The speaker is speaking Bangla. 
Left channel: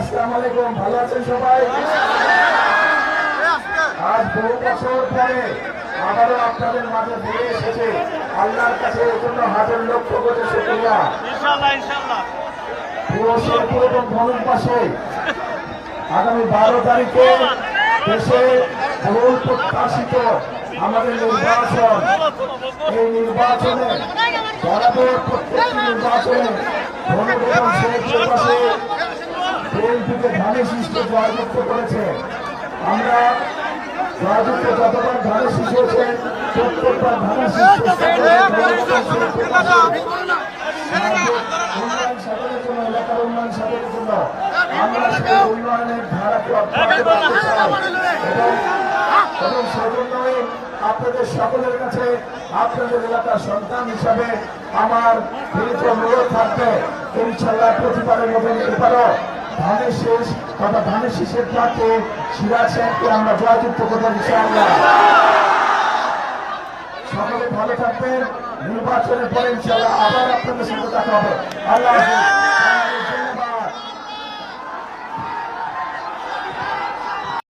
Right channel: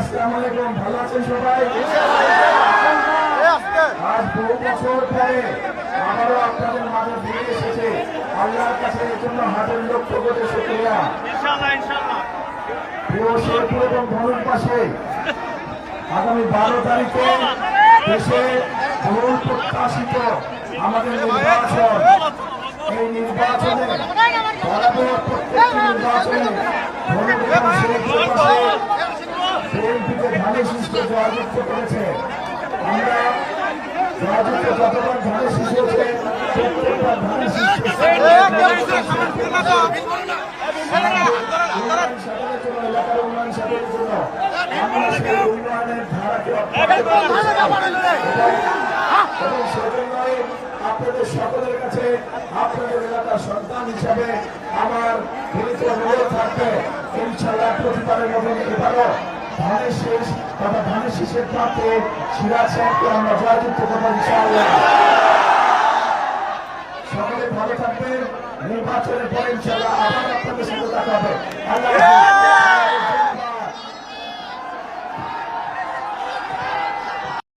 আসসালামু আলাইকুম, ভালো আছেন সবাই? আজ বহু বছর পরে আবারও আপনাদের মাঝে ফিরে এসেছে। আল্লাহর কাছে এর জন্য হাজার লক্ষ কোটি শুকরিয়া। প্রিয় শেরপুর এবং ধনুকবাসী, আগামী 12 তারিখে দেশে বহু প্রত্যাশিত আমাদের নির্বাচন, এই নির্বাচনে বিএনপিকে ধানের শীর্ষে জয়যুক্ত করেছে। আমরা জয়যুক্ত যতবার ধানের শীর্ষ হয়েছে প্রত্যেকবার ধানের শীর্ষ সাধনের জন্য, এলাকার উন্নয়ন সাধনের জন্য আমরা সেই উন্নয়নের ধারাকে এবং সেজন্যই আপনাদের সকলের কাছে আপনাদের এলাকার সন্তান হিসাবে আমার বিনীত অনুরোধ থাকবে, ইনশাল্লাহ প্রতিবারের মতো এবারও ধানের শীষ তথা ধানের শীষের প্রার্থী সিরাজ সাহেবকে আমরা জয়যুক্ত করবো ইনশাআল্লাহ। সকলে ভালো থাকবেন। নির্বাচনের পরে ইনশাআল্লাহ আবার আপনাদের সাথে দেখা হবে। আল্লাহ।